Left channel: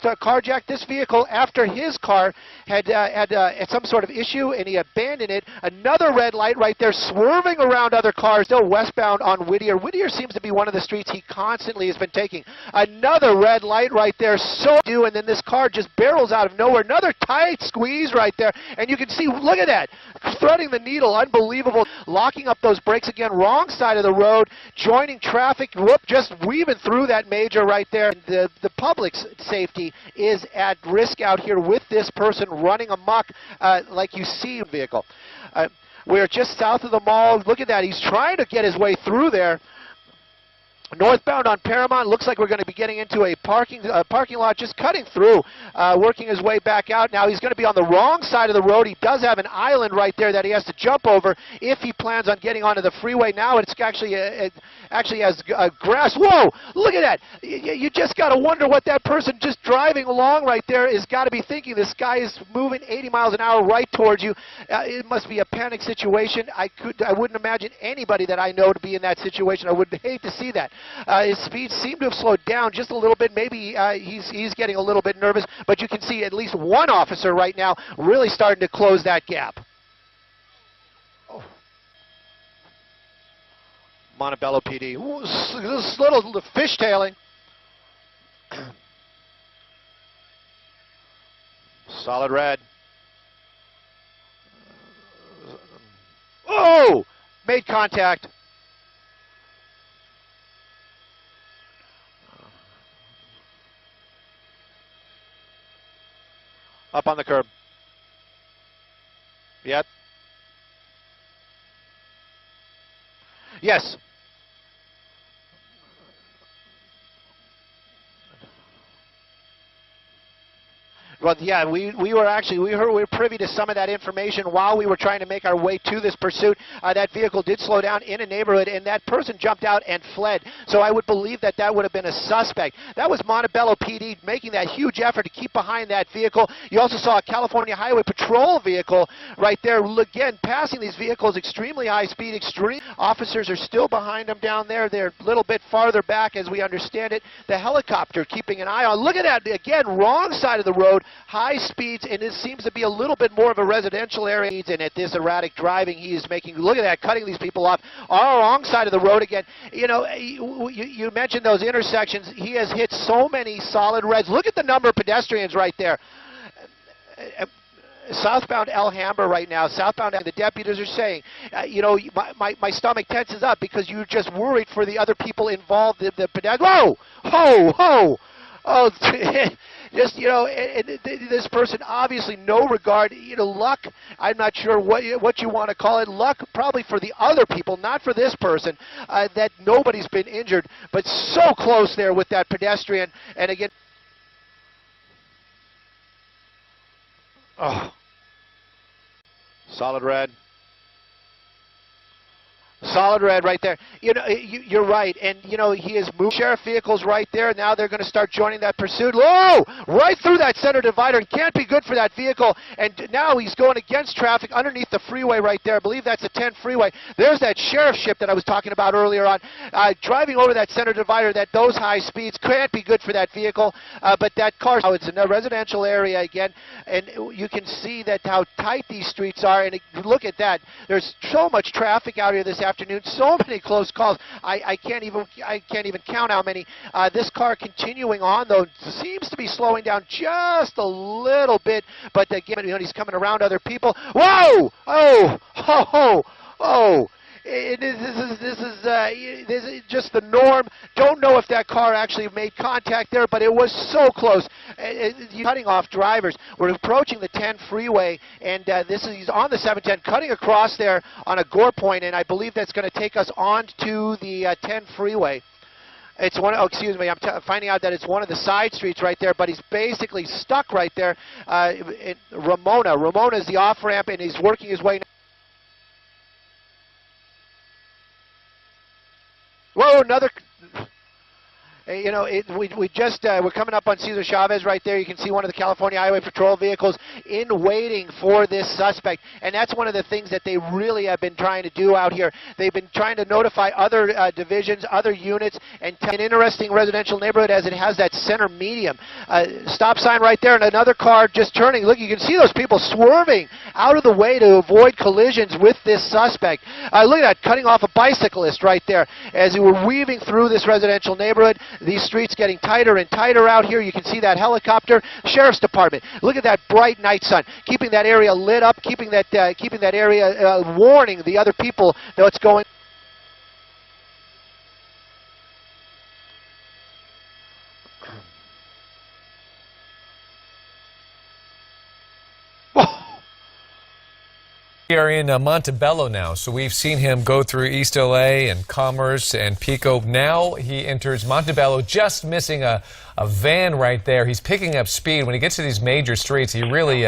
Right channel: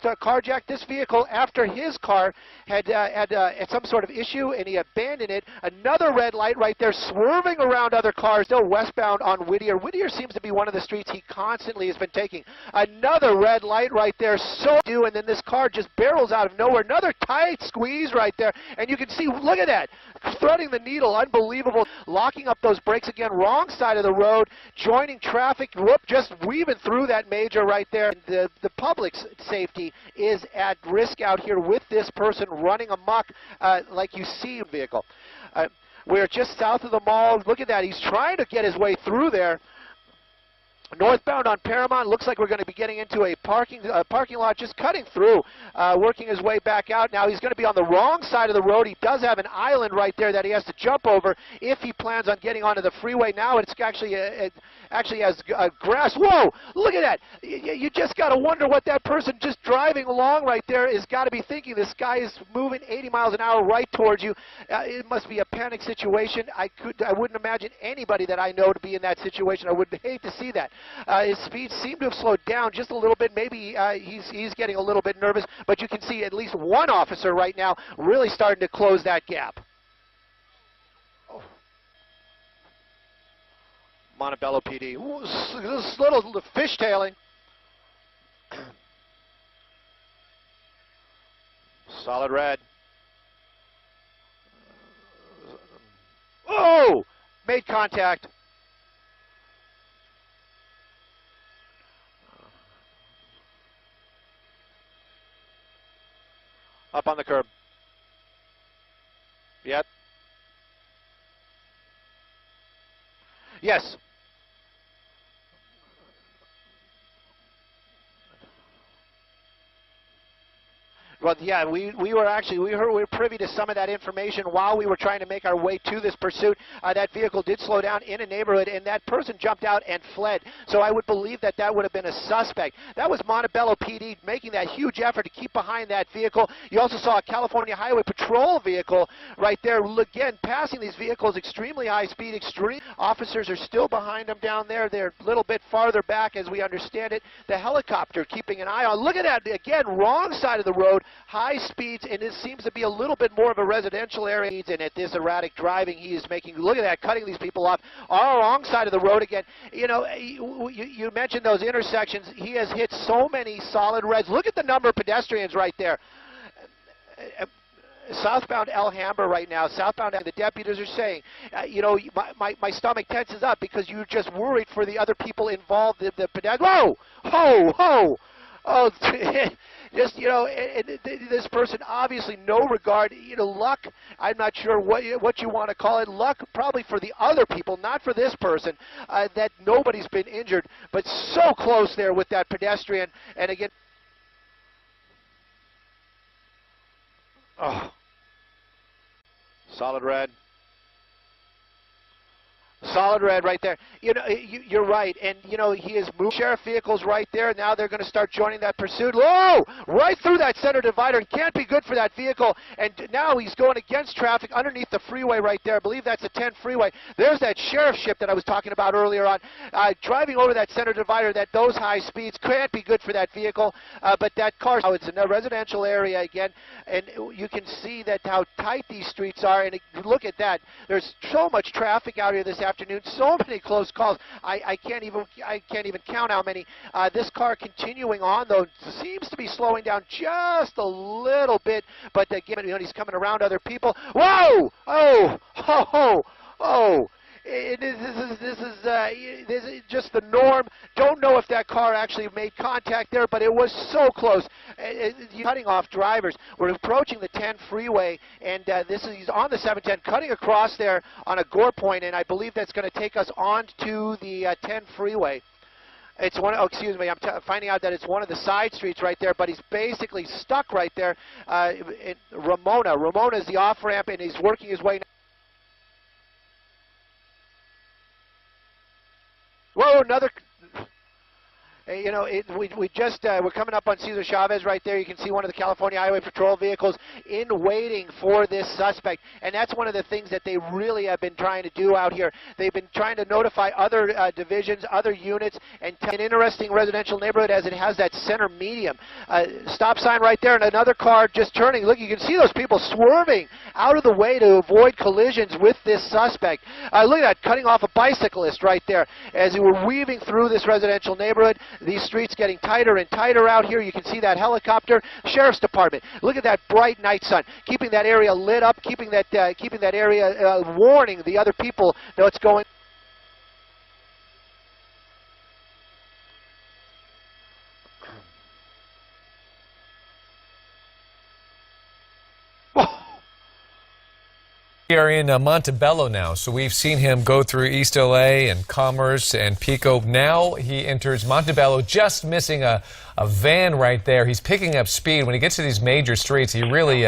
carjacked this vehicle after his car had some sort of issue, and he abandoned it. Another red light right there, swerving around other cars, still westbound on Whittier. Whittier seems to be one of the streets he constantly has been taking. Another red light right there, and then this car just barrels out of nowhere. Another tight squeeze right there, and you can see, look at that, threading the needle, unbelievable. Locking up those brakes again, wrong side of the road, joining traffic, just weaving through that major right there. The public's safety is at risk out here with this person running amok like you see in the vehicle. We're just south of the mall. Look at that. He's trying to get his way through there. Northbound on Paramount, looks like we're going to be getting into a parking lot, just cutting through, working his way back out. Now he's going to be on the wrong side of the road. He does have an island right there that he has to jump over if he plans on getting onto the freeway. Now it's actually has grass. Whoa, look at that. You just got to wonder what that person just driving along right there is got to be thinking. This guy is moving 80 miles an hour right towards you. It must be a panic situation. I wouldn't imagine anybody that I know to be in that situation. I would hate to see that. His speed seemed to have slowed down just a little bit. Maybe he's getting a little bit nervous, but you can see at least one officer right now really starting to close that gap. Oh. Montebello PD. Ooh, this little fishtailing. Solid red. Oh! Made contact. Up on the curb. Yep. Yes. Well, yeah, we were privy to some of that information while we were trying to make our way to this pursuit. That vehicle did slow down in a neighborhood, and that person jumped out and fled. So I would believe that that would have been a suspect. That was Montebello PD making that huge effort to keep behind that vehicle. You also saw a California Highway Patrol vehicle right there, again, passing these vehicles extremely high speed. Officers are still behind them down there. They're a little bit farther back, as we understand it. The helicopter keeping an eye on. Look at that, again, wrong side of the road. High speeds, and it seems to be a little bit more of a residential area. And at this erratic driving, he is making, look at that, cutting these people off. On the wrong side of the road again. You know, you mentioned those intersections. He has hit so many solid reds. Look at the number of pedestrians right there. Southbound Alhambra right now, southbound, the deputies are saying, you know, my stomach tenses up because you're just worried for the other people involved, the pedestrians. Whoa! Ho! Ho! Oh, just, you know, this person obviously no regard, you know, luck, I'm not sure what you want to call it, luck probably for the other people, not for this person, that nobody's been injured, but so close there with that pedestrian, and again, oh, solid red. Solid red right there. You know, you're right, and you know he is moving sheriff vehicles right there. Now they're going to start joining that pursuit. Whoa! Right through that center divider. It can't be good for that vehicle. And now he's going against traffic underneath the freeway right there. I believe that's the 10 freeway. There's that sheriff ship that I was talking about earlier on. Driving over that center divider, those high speeds can't be good for that vehicle. But that car, now it's in a residential area again, and you can see that how tight these streets are. And look at that. There's so much traffic out here this afternoon, so many close calls. I can't even count how many. This car continuing on though seems to be slowing down just a little bit, but again, you know, he's coming around other people. Whoa! Oh! Oh! Oh! Oh! This is just the norm. Don't know if that car actually made contact there, but it was so close. Cutting off drivers. We're approaching the 10 freeway, and he's on the 710, cutting across there on a gore point, and I believe that's going to take us on to the 10 freeway. It's one. Oh, excuse me. I'm finding out that it's one of the side streets right there, but he's basically stuck right there. Ramona is the off ramp, and he's working his way. Whoa, another. You know, we're coming up on Cesar Chavez right there. You can see one of the California Highway Patrol vehicles in waiting for this suspect, and that's one of the things that they really have been trying to do out here. They've been trying to notify other divisions, other units, and an interesting residential neighborhood as it has that center medium. Stop sign right there, and another car just turning. Look, you can see those people swerving out of the way to avoid collisions with this suspect. Look at that, cutting off a bicyclist right there as we were weaving through this residential neighborhood. These streets getting tighter and tighter out here. You can see that helicopter. Sheriff's Department. Look at that bright night sun, keeping that area lit up, keeping that area warning the other people that what's going. We are in Montebello now, so we've seen him go through East LA and Commerce and Pico. Now he enters Montebello, just missing a van right there. He's picking up speed. When he gets to these major streets, he really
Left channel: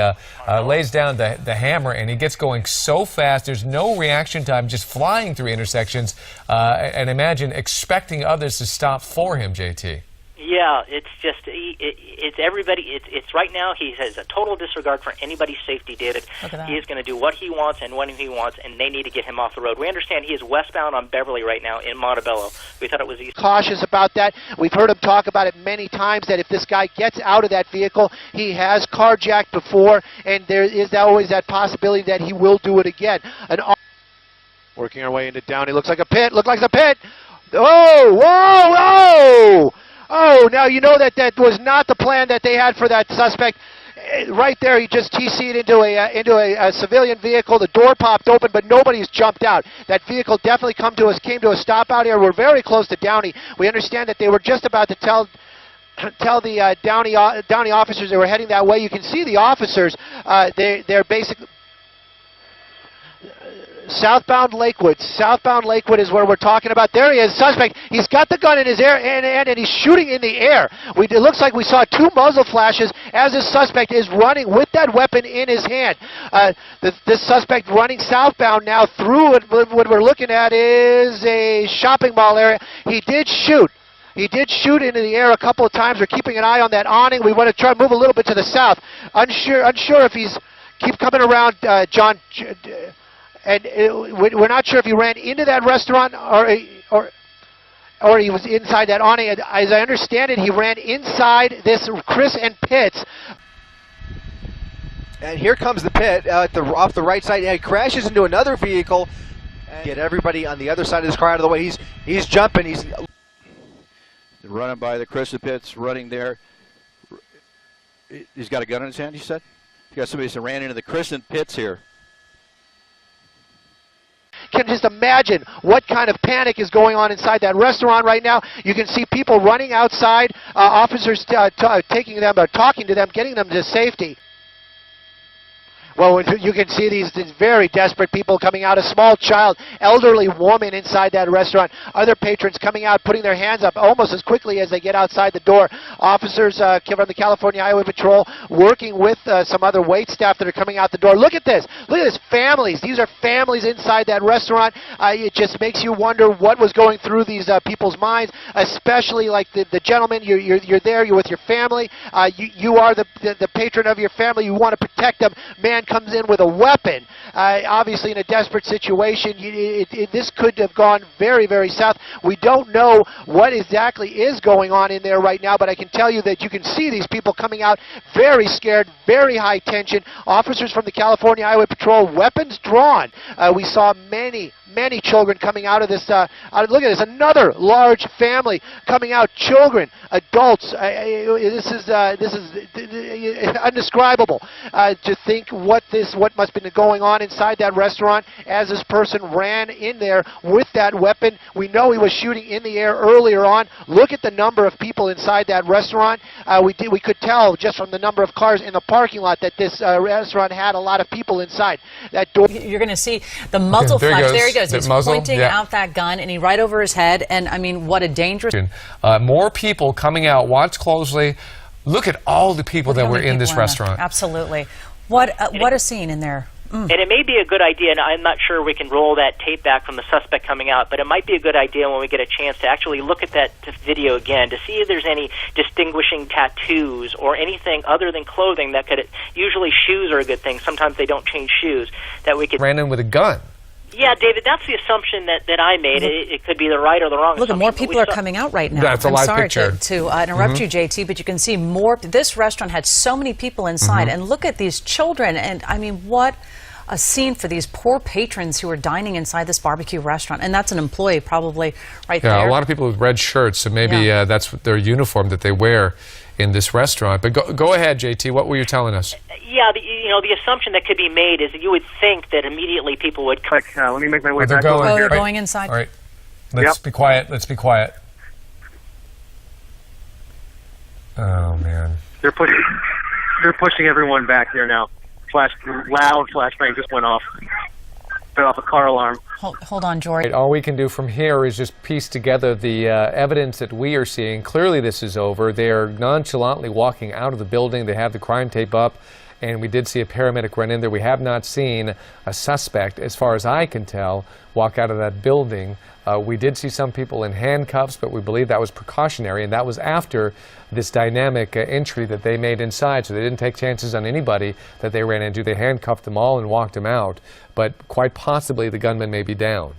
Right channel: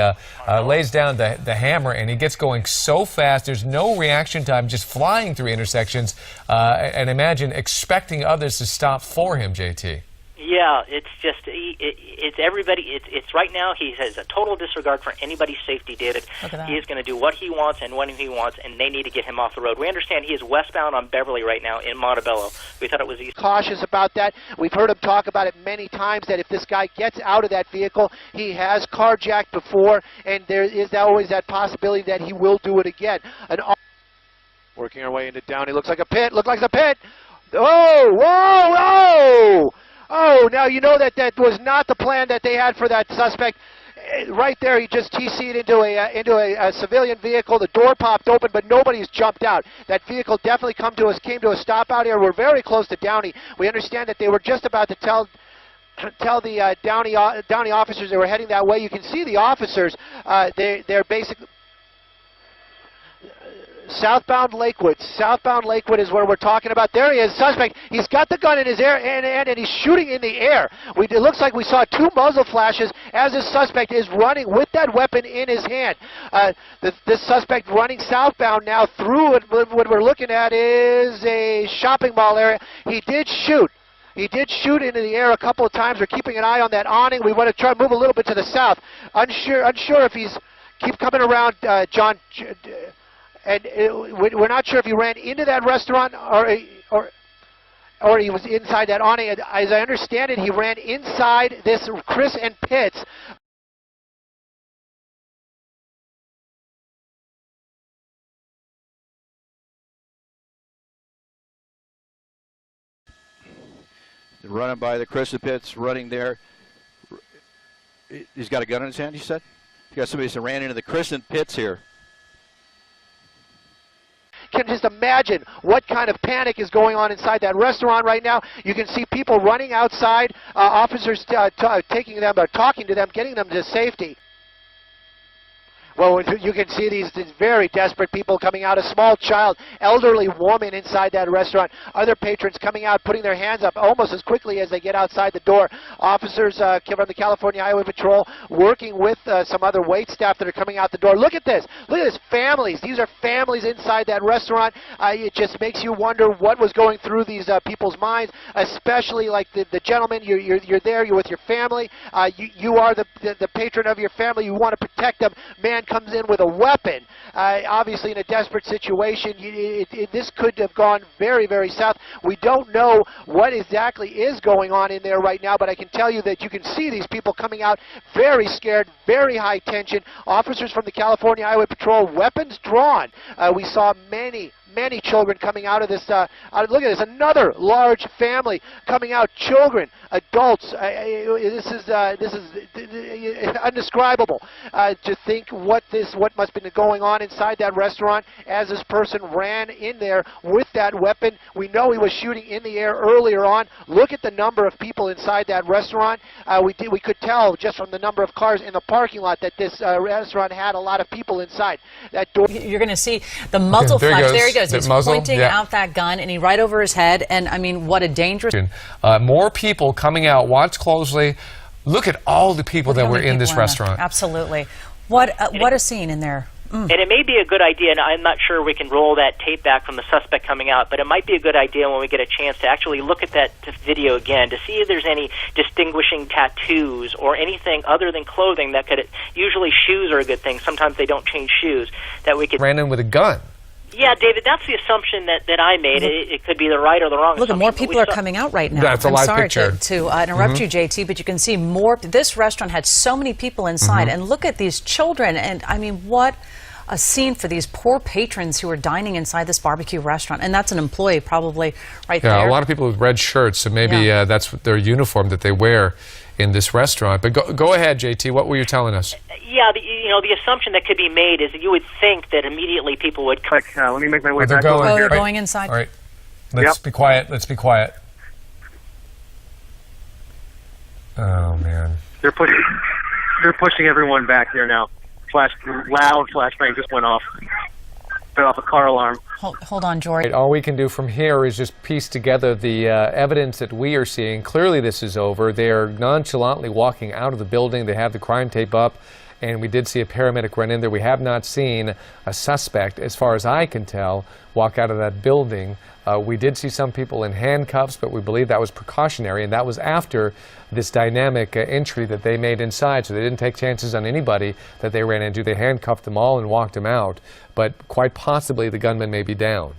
lays down the hammer, and he gets going so fast. There's no reaction time, just flying through intersections, and imagine expecting others to stop for him, JT. Yeah, it's just, it's everybody, it's right now he has a total disregard for anybody's safety, David. He is going to do what he wants and when he wants, and they need to get him off the road. We understand he is westbound on Beverly right now in Montebello. We thought it was east. Cautious about that. We've heard him talk about it many times, that if this guy gets out of that vehicle, he has carjacked before, and there is always that possibility that he will do it again. Working our way into Downey. Looks like a pit. Looks like a pit. Oh, whoa, whoa! Oh, now you know that was not the plan that they had for that suspect. Right there, he just TC'd into a civilian vehicle. The door popped open, but nobody's jumped out. That vehicle definitely came to a stop out here. We're very close to Downey. We understand that they were just about to tell the Downey officers they were heading that way. You can see the officers. They're basically southbound Lakewood. Southbound Lakewood is where we're talking about. There he is, suspect. He's got the gun in his air and he's shooting in the air. It looks like we saw two muzzle flashes as this suspect is running with that weapon in his hand. This suspect running southbound now through what we're looking at is a shopping mall area. He did shoot. He did shoot into the air a couple of times. We're keeping an eye on that awning. We want to try to move a little bit to the south. Unsure if he's keep coming around, John. And we're not sure if he ran into that restaurant or he was inside that awning. As I understand it, he ran inside this Chris and Pitts. And here comes the pit off the right side. Yeah, he crashes into another vehicle. And get everybody on the other side of this car out of the way. He's jumping. He's running by the Chris and Pitts, running there. He's got a gun in his hand, you said? You got somebody that ran into the Chris and Pitts here. Can just imagine what kind of panic is going on inside that restaurant right now. You can see people running outside, officers taking them or talking to them, getting them to safety. Well, you can see these very desperate people coming out, a small child, elderly woman inside that restaurant, other patrons coming out, putting their hands up almost as quickly as they get outside the door. Officers from the California Highway Patrol working with some other wait staff that are coming out the door. Look at this. Look at this. Families. These are families inside that restaurant. It just makes you wonder what was going through these people's minds, especially like the gentleman. You're there. You're with your family. You are the patron of your family. You want to protect them. Man comes in with a weapon, obviously in a desperate situation. This could have gone very, very south. We don't know what exactly is going on in there right now, but I can tell you that you can see these people coming out very scared, very high tension. Officers from the California Highway Patrol, weapons drawn. We saw many children coming out of this. Look at this, another large family coming out. Children, adults. This is indescribable to think what must have been going on inside that restaurant as this person ran in there with that weapon. We know he was shooting in the air earlier on. Look at the number of people inside that restaurant. We could tell just from the number of cars in the parking lot that this restaurant had a lot of people inside. That door. You're going to see the muzzle flash. There he goes. He's pointing yeah. out that gun, and he right over his head. And I mean, what a dangerous. More people coming out. Watch closely. Look at all the people that were in this restaurant. Absolutely. What a scene in there. And it may be a good idea, and I'm not sure we can roll that tape back from the suspect coming out, but it might be a good idea when we get a chance to actually look at that video again to see if there's any distinguishing tattoos or anything other than clothing that could, usually shoes are a good thing, sometimes they don't change shoes, that we could... Ran in with a gun. Yeah, David, that's the assumption that I made. It could be the right or the wrong Look, assumption. more people are coming out right now. That's a live picture. I'm sorry to interrupt you, JT, but you can see more. This restaurant had so many people inside, and look at these children. And I mean, what a scene for these poor patrons who are dining inside this barbecue restaurant. And that's an employee probably right there. Yeah, a lot of people with red shirts, so maybe that's their uniform that they wear in this restaurant. But go ahead, JT. What were you telling us? Yeah, the assumption that could be made is that you would think that immediately people would... let me make my way back going, they're going inside. All right. Let's be quiet. Let's be quiet. Oh, man. They're pushing everyone back here now. Loud flashbang just went off. Set off a car alarm. Hold on, George. All we can do from here is just piece together the evidence that we are seeing. Clearly this is over. They are nonchalantly walking out of the building. They have the crime tape up, and we did see a paramedic run in there. We have not seen a suspect, as far as I can tell, walk out of that building. We did see some people in handcuffs, but we believe that was precautionary, and that was after this dynamic entry that they made inside, so they didn't take chances on anybody that they ran into. They handcuffed them all and walked them out, but quite possibly the gunman may be down.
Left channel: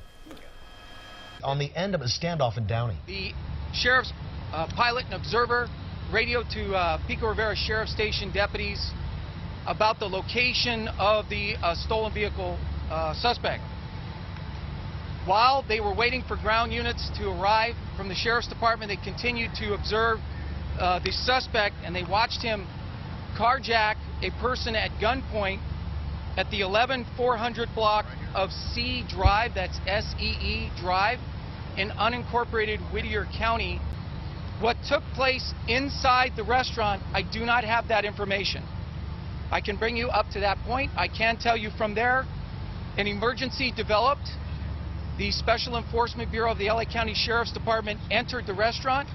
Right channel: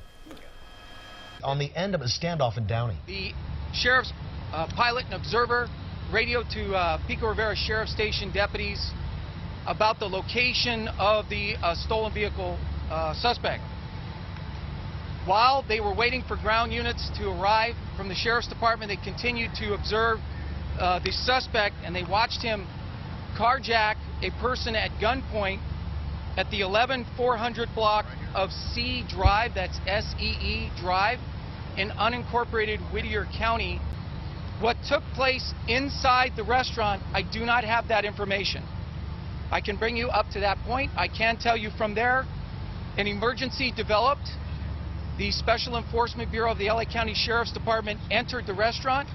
On the end of a standoff in Downey. The sheriff's pilot and observer radioed to Pico Rivera Sheriff Station deputies about the location of the stolen vehicle suspect. While they were waiting for ground units to arrive from the Sheriff's Department, they continued to observe the suspect, and they watched him carjack a person at gunpoint at the 11400 block of C Drive, that's S-E-E Drive, in unincorporated Whittier County. What took place inside the restaurant, I do not have that information. I can bring you up to that point. I can tell you from there, an emergency developed. The Special Enforcement Bureau of the LA County Sheriff's Department entered the restaurant.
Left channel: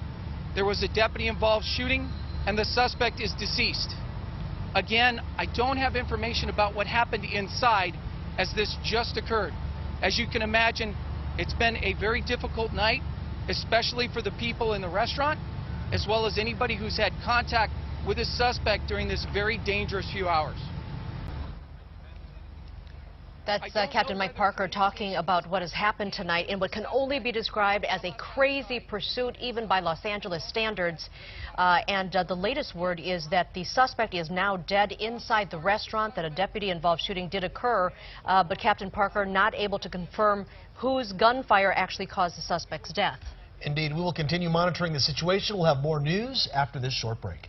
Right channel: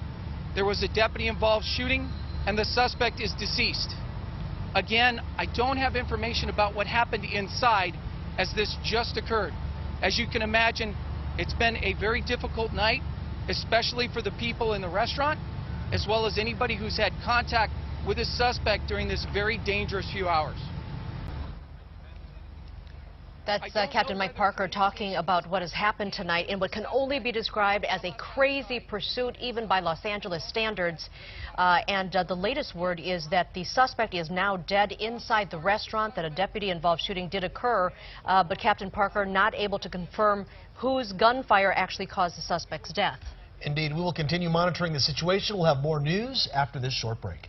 There was a deputy involved shooting, and the suspect is deceased. Again, I don't have information about what happened inside as this just occurred. As you can imagine, it's been a very difficult night, especially for the people in the restaurant, as well as anybody who's had contact with a suspect during this very dangerous few hours. That's Captain Mike Parker talking about what has happened tonight in what can only be described as a crazy pursuit, even by Los Angeles standards. And the latest word is that the suspect is now dead inside the restaurant, that a deputy-involved shooting did occur, but Captain Parker not able to confirm whose gunfire actually caused the suspect's death. Indeed, we will continue monitoring the situation. We'll have more news after this short break.